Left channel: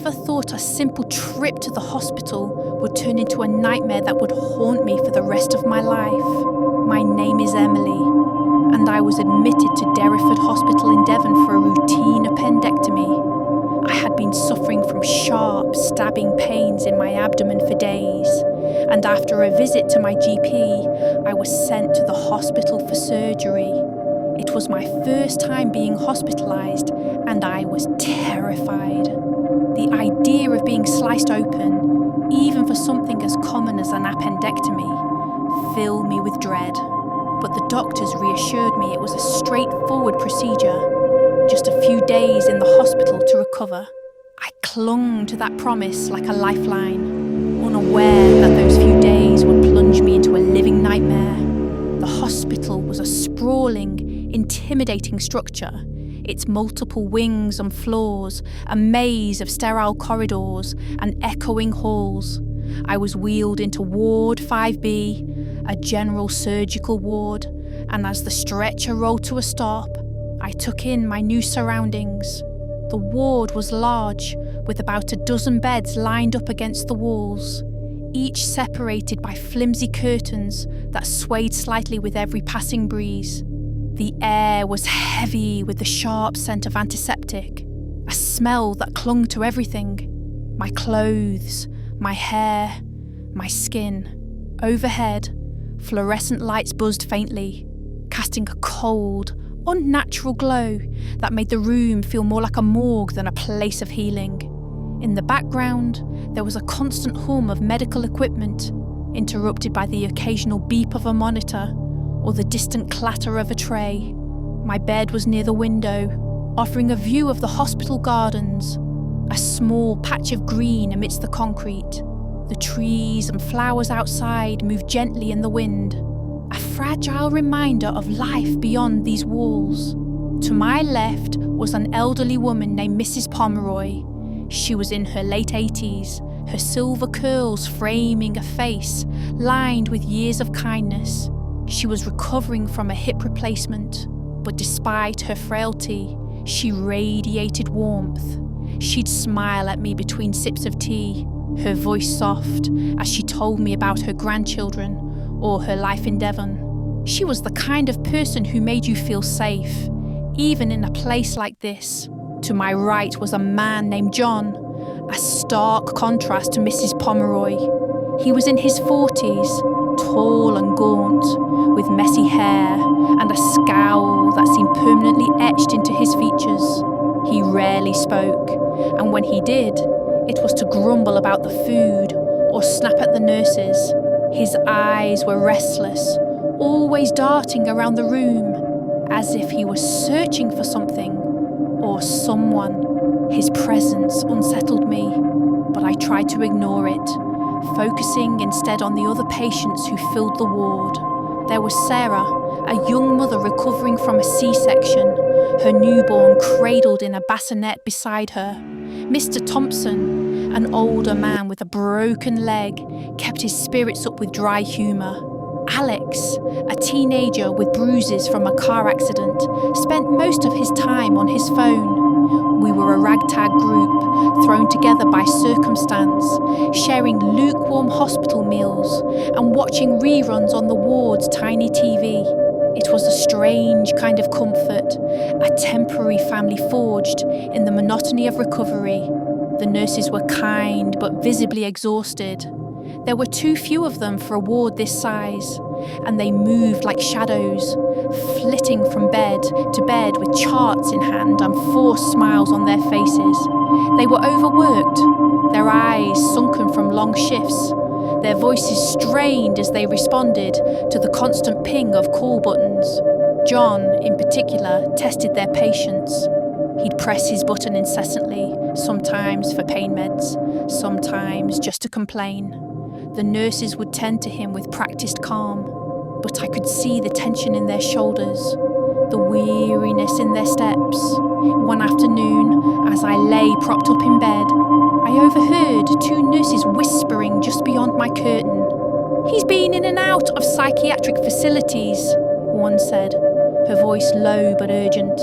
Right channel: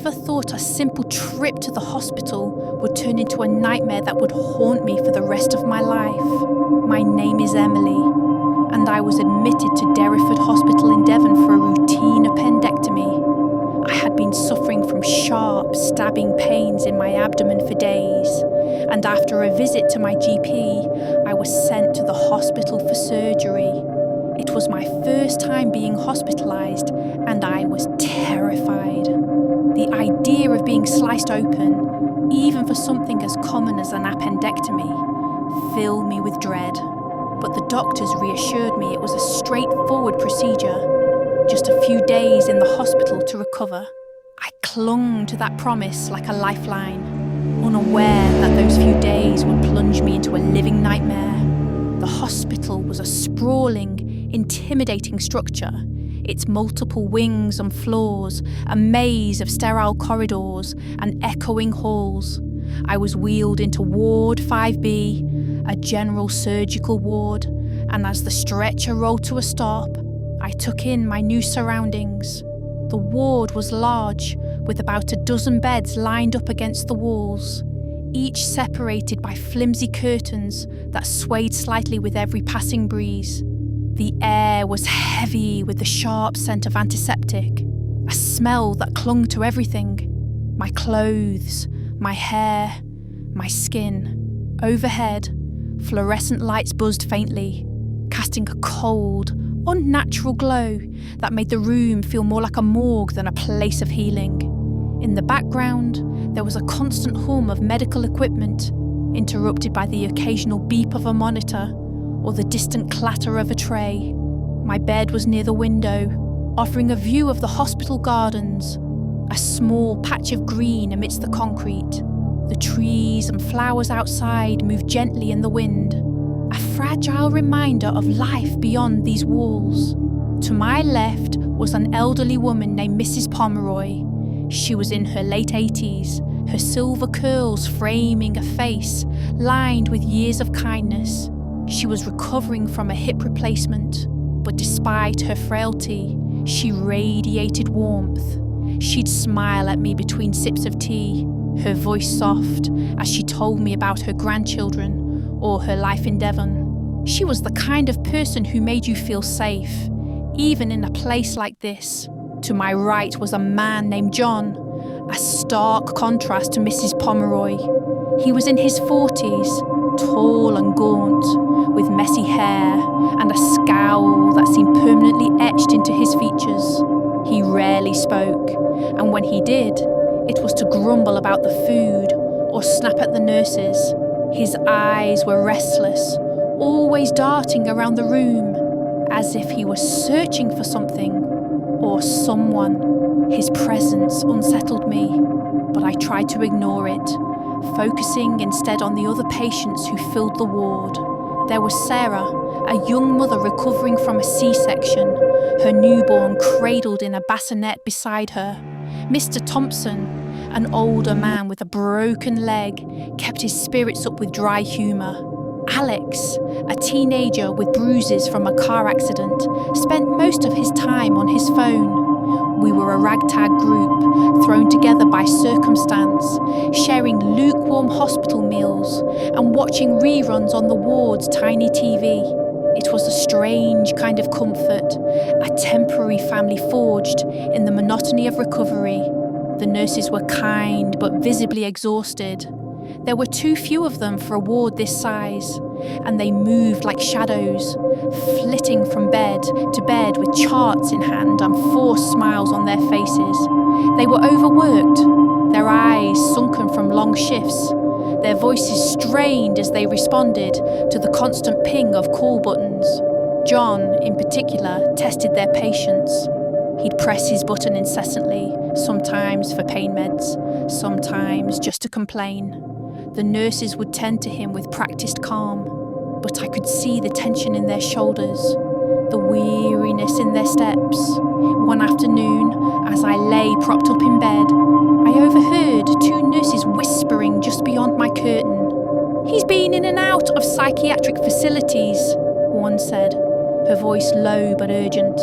never thought a simple trip to the hospital would turn into a nightmare that would haunt me for the rest of my life. My name is Emily, and I was admitted to Derriford Hospital in Devon for a routine appendectomy. I had been suffering from sharp, stabbing pains in my abdomen for days, and after a visit to my GP, I was sent to the hospital for surgery. It was my first time being hospitalised, and I was terrified. The idea of being sliced open, even for something as common as an appendectomy, filled me with dread. But the doctors reassured me it was a straightforward procedure. Just a few days in the hospital to recover. I clung to that promise like a lifeline, unaware that those few days would plunge me into a living nightmare. The hospital was a sprawling, intimidating structure. Its multiple wings and floors, a maze of sterile corridors and echoing halls. I was wheeled into Ward 5B, a general surgical ward, and as the stretcher rolled to a stop, I took in my new surroundings. The ward was large, with about a dozen beds lined up against the walls, each separated by flimsy curtains that swayed slightly with every passing breeze. The air was heavy with the sharp scent of antiseptic, a smell that clung to everything. My clothes, my hair, my skin. Overhead, fluorescent lights buzzed faintly, casting a cold, unnatural glow that made the room feel more like a morgue than a place of healing. In the background, there was a constant hum of medical equipment, interrupted by the occasional beep of a monitor or the distant clatter of a tray. My bed was near the window, offering a view of the hospital gardens, a small patch of green amidst the concrete. The trees and flowers outside moved gently in the wind, a fragile reminder of life beyond these walls. To my left was an elderly woman named Mrs. Pomeroy. She was in her late 80s, her silver curls framing a face lined with years of kindness. She was recovering from a hip replacement, but despite her frailty, she radiated warmth. She'd smile at me between sips of tea, her voice soft as she told me about her grandchildren or her life in Devon. She was the kind of person who made you feel safe, even in a place like this. To my right was a man named John, a stark contrast to Mrs. Pomeroy. He was in his 40s, tall and gaunt, with messy hair and a scowl that seemed permanently etched into his features. He rarely spoke, and when he did, it was to grumble about the food or snap at the nurses. His eyes were restless, always darting around the room, as if he was searching for something or someone. His presence unsettled me, but I tried to ignore it, focusing instead on the other patients who filled the ward. There was Sarah, a young mother recovering from a C-section, her newborn cradled in a bassinet beside her. Mr. Thompson, an older man with a broken leg, kept his spirits up with dry humour. Alex, a teenager with bruises from a car accident, spent most of his time on his phone. We were a ragtag group, thrown together by circumstance, sharing lukewarm hospital meals and watching reruns on the ward's tiny TV. It was a strange kind of comfort, a temporary family forged in the monotony of recovery. The nurses were kind but visibly exhausted. There were too few of them for a ward this size, and they moved like shadows, flitting from bed to bed with charts in hand and forced smiles on their faces. They were overworked, their eyes sunken from long shifts, their voices strained as they responded to the constant ping of call buttons. John, in particular, tested their patience. He'd press his button incessantly, sometimes for pain meds, sometimes just to complain. The nurses would tend to him with practiced calm, but I could see the tension in their shoulders, the weariness in their steps. One afternoon, as I lay propped up in bed, I overheard two nurses whispering just beyond my curtain. "He's been in and out of psychiatric facilities," one said, her voice low but urgent.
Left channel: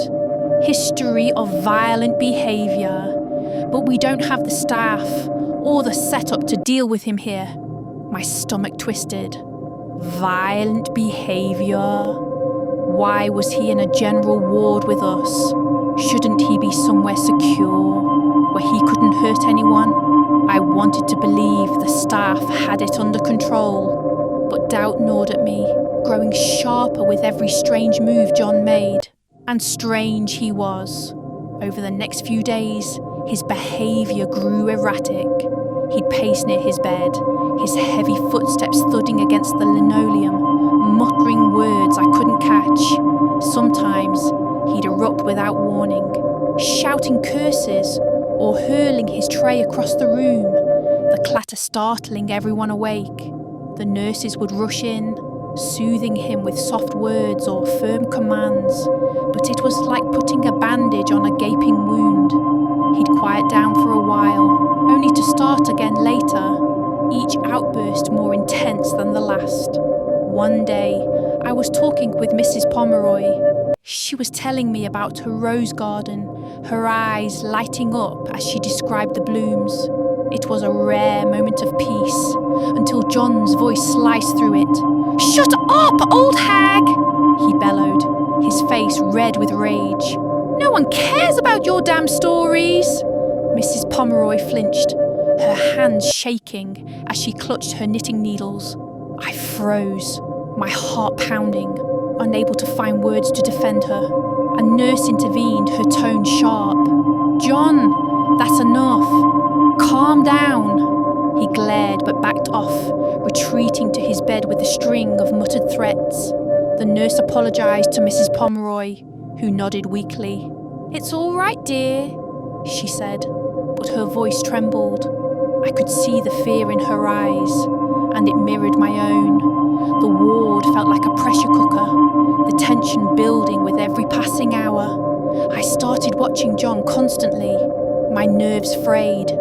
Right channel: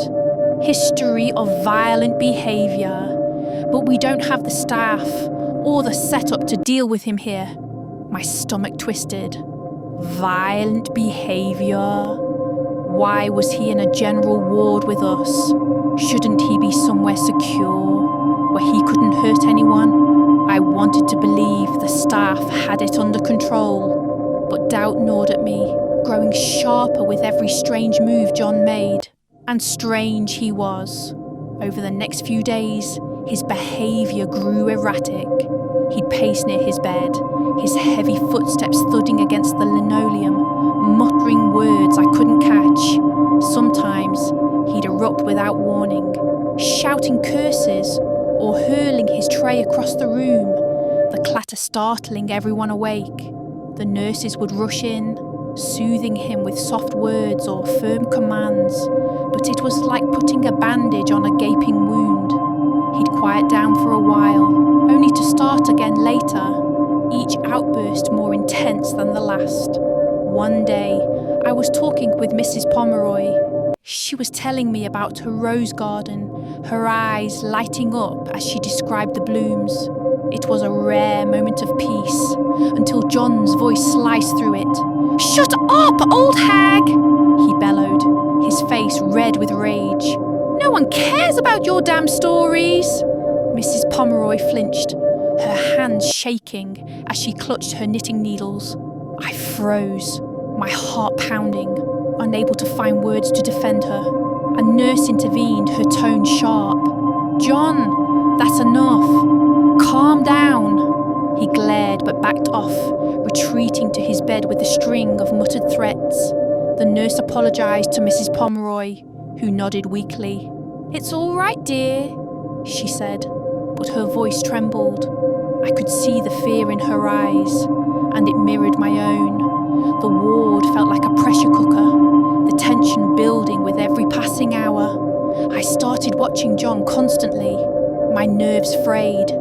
"History of violent behaviour. but we don't have the staff or the setup to deal with him here. My stomach twisted. Violent behaviour. Why was he in a general ward with us? Shouldn't he be somewhere secure, where he couldn't hurt anyone? I wanted to believe the staff had it under control, but doubt gnawed at me, growing sharper with every strange move John made. And strange he was. Over the next few days, his behaviour grew erratic. He'd pace near his bed, his heavy footsteps thudding against the linoleum, muttering words I couldn't catch. Sometimes he'd erupt without warning, shouting curses or hurling his tray across the room, the clatter startling everyone awake. The nurses would rush in, soothing him with soft words or firm commands, but it was like putting a bandage on a gaping wound. He'd quiet down for a while, only to start again later, each outburst more intense than the last. One day, I was talking with Mrs. Pomeroy. She was telling me about her rose garden, her eyes lighting up as she described the blooms. It was a rare moment of peace, until John's voice sliced through it. "Shut up, old hag!" he bellowed, his face red with rage. "No one cares about your damn stories!" Mrs. Pomeroy flinched, her hands shaking as she clutched her knitting needles. I froze, my heart pounding, unable to find words to defend her. A nurse intervened, her tone sharp. "John, that's enough. Calm down." He glared but backed off, retreating to his bed with a string of muttered threats. The nurse apologised to Mrs. Pomeroy, who nodded weakly. "It's all right, dear," she said, but her voice trembled. I could see the fear in her eyes, and it mirrored my own. The ward felt like a pressure cooker, the tension building with every passing hour. I started watching John constantly, my nerves frayed,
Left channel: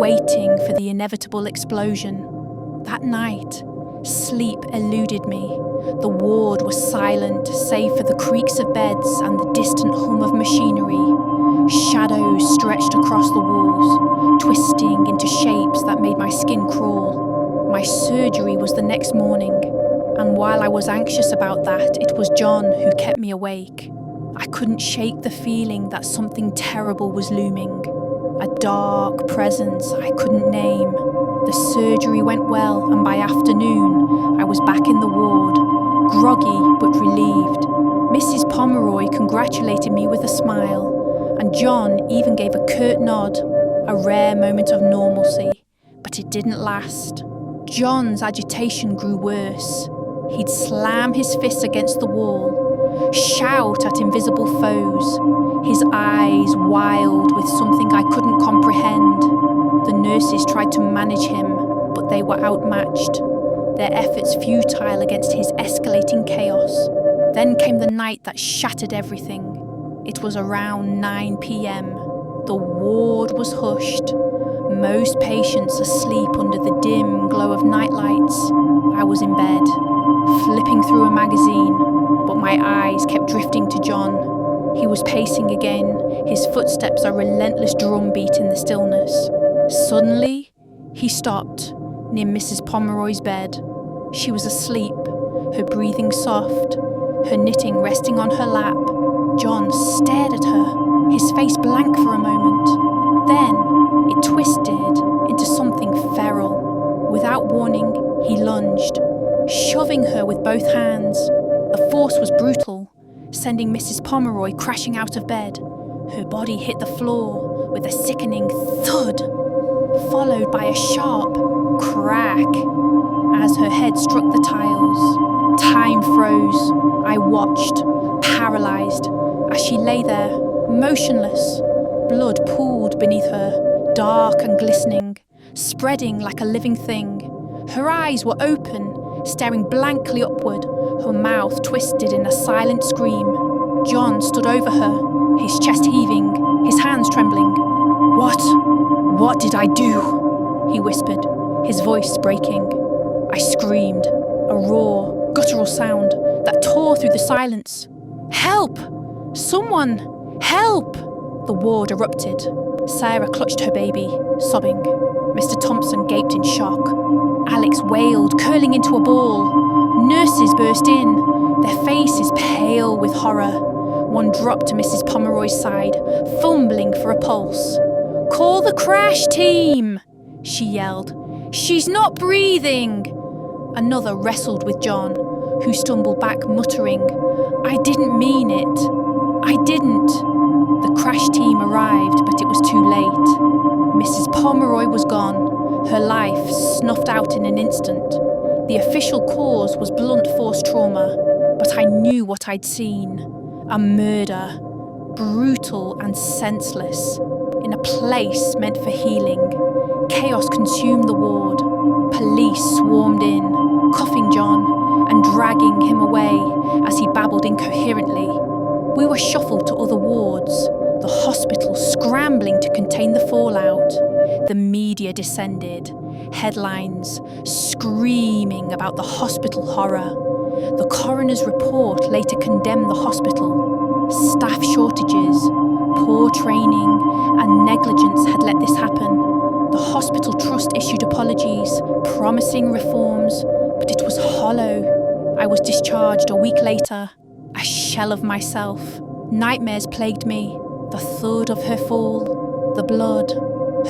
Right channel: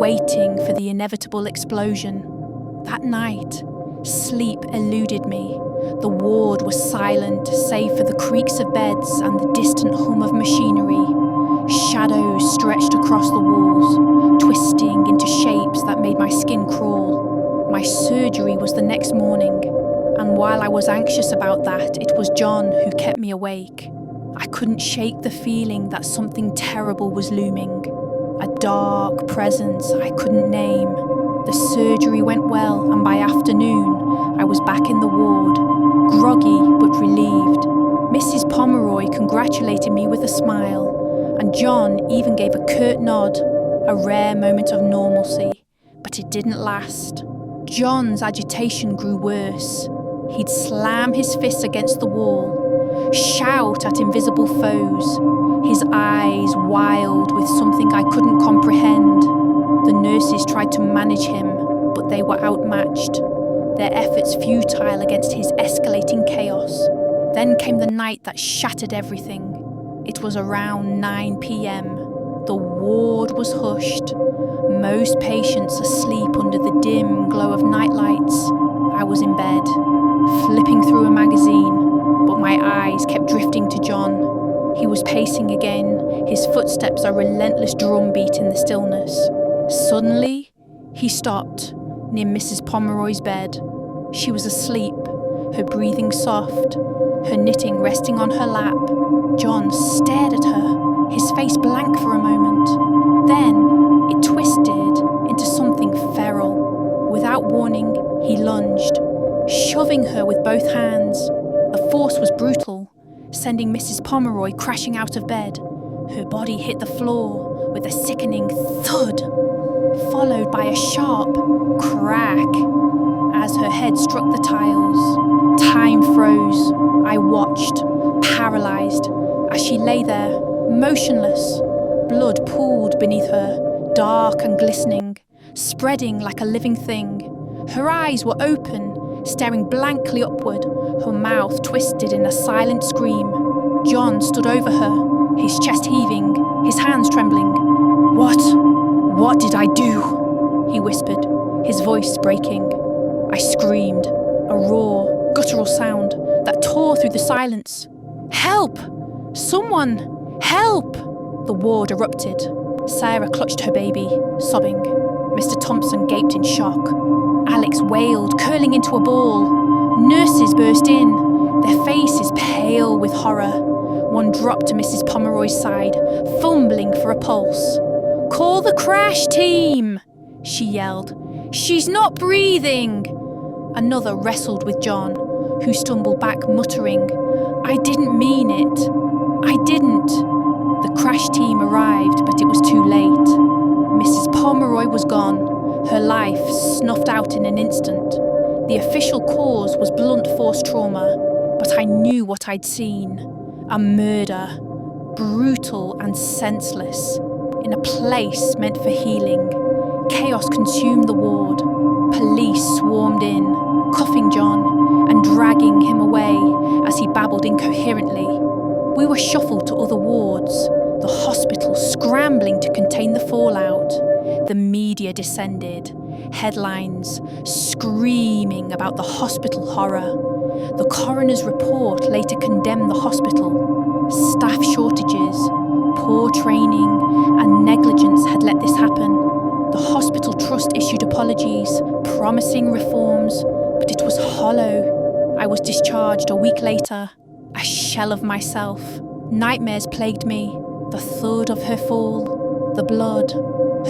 waiting for the inevitable explosion. That night, sleep eluded me. The ward was silent, save for the creaks of beds and the distant hum of machinery. Shadows stretched across the walls, twisting into shapes that made my skin crawl. My surgery was the next morning, and while I was anxious about that, it was John who kept me awake. I couldn't shake the feeling that something terrible was looming, a dark presence I couldn't name. The surgery went well, and by afternoon, I was back in the ward, groggy but relieved. Mrs. Pomeroy congratulated me with a smile, and John even gave a curt nod, a rare moment of normalcy, but it didn't last. John's agitation grew worse. He'd slam his fists against the wall, shout at invisible foes, his eyes wild with something I couldn't comprehend. The nurses tried to manage him, but they were outmatched, their efforts futile against his escalating chaos. Then came the night that shattered everything. It was around 9 p.m. The ward was hushed, most patients asleep under the dim glow of nightlights. I was in bed, flipping through a magazine, but my eyes kept drifting to John. He was pacing again, his footsteps a relentless drumbeat in the stillness. Suddenly, he stopped, near Mrs. Pomeroy's bed. She was asleep, her breathing soft, her knitting resting on her lap. John stared at her, his face blank for a moment. Then, it twisted into something feral. Without warning, he lunged, shoving her with both hands. The force was brutal, sending Mrs. Pomeroy crashing out of bed. Her body hit the floor with a sickening thud, followed by a sharp crack as her head struck the tiles. Time froze. I watched, paralysed, as she lay there, motionless. Blood pooled beneath her, dark and glistening, spreading like a living thing. Her eyes were open, staring blankly upward, her mouth twisted in a silent scream. John stood over her, his chest heaving, his hands trembling. What did I do?" he whispered, his voice breaking. I screamed, a raw, guttural sound that tore through the silence. "Help! Someone! Help!" The ward erupted. Sarah clutched her baby, sobbing. Mr. Thompson gaped in shock. Alex wailed, curling into a ball. Nurses burst in, their faces pale with horror. One dropped to Mrs. Pomeroy's side, fumbling for a pulse. "Call the crash team!" she yelled. "She's not breathing!" Another wrestled with John, who stumbled back, muttering, "I didn't mean it. I didn't." The crash team arrived, but it was too late. Mrs. Pomeroy was gone, her life snuffed out in an instant. The official cause was blunt force trauma, but I knew what I'd seen. A murder, brutal and senseless, in a place meant for healing. Chaos consumed the ward. Police swarmed in, cuffing John and dragging him away as he babbled incoherently. We were shuffled to other wards, the hospital scrambling to contain the fallout. The media descended, headlines screaming about the hospital horror. The coroner's report later condemned the hospital. Staff shortages, poor training, and negligence had let this happen. The hospital trust issued apologies, promising reforms, but it was hollow. I was discharged a week later, a shell of myself. Nightmares plagued me, the thud of her fall, the blood,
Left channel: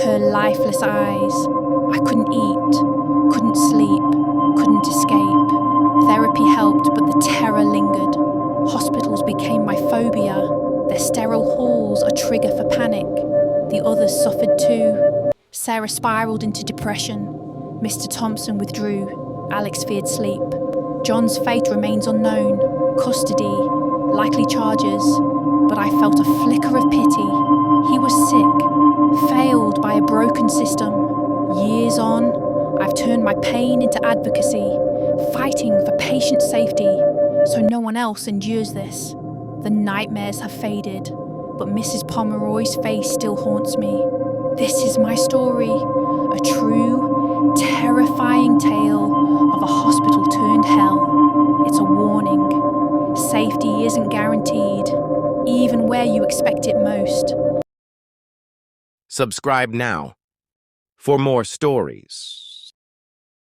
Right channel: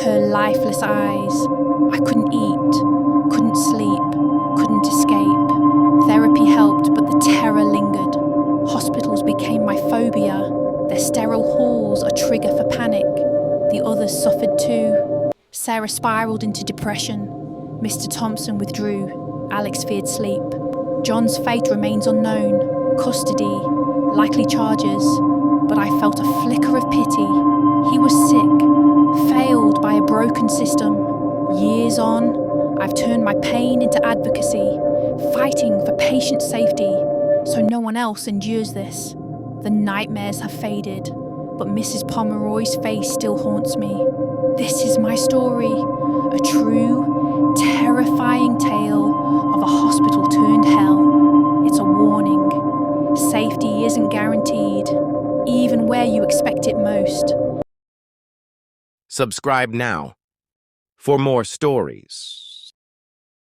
her lifeless eyes. I couldn't eat, couldn't sleep, couldn't escape. Therapy helped, but the terror lingered. Hospitals became my phobia, their sterile halls a trigger for panic. The others suffered too. Sarah spiralled into depression. Mr. Thompson withdrew. Alex feared sleep. John's fate remains unknown. Custody, likely charges. But I felt a flicker of pity. He was sick, failed by a broken system. Years on, I've turned my pain into advocacy, fighting for patient safety, so no one else endures this. The nightmares have faded, but Mrs. Pomeroy's face still haunts me. This is my story, a true, terrifying tale of a hospital turned hell. It's a warning. Safety isn't guaranteed, even where you expect it most. Subscribe now for more stories.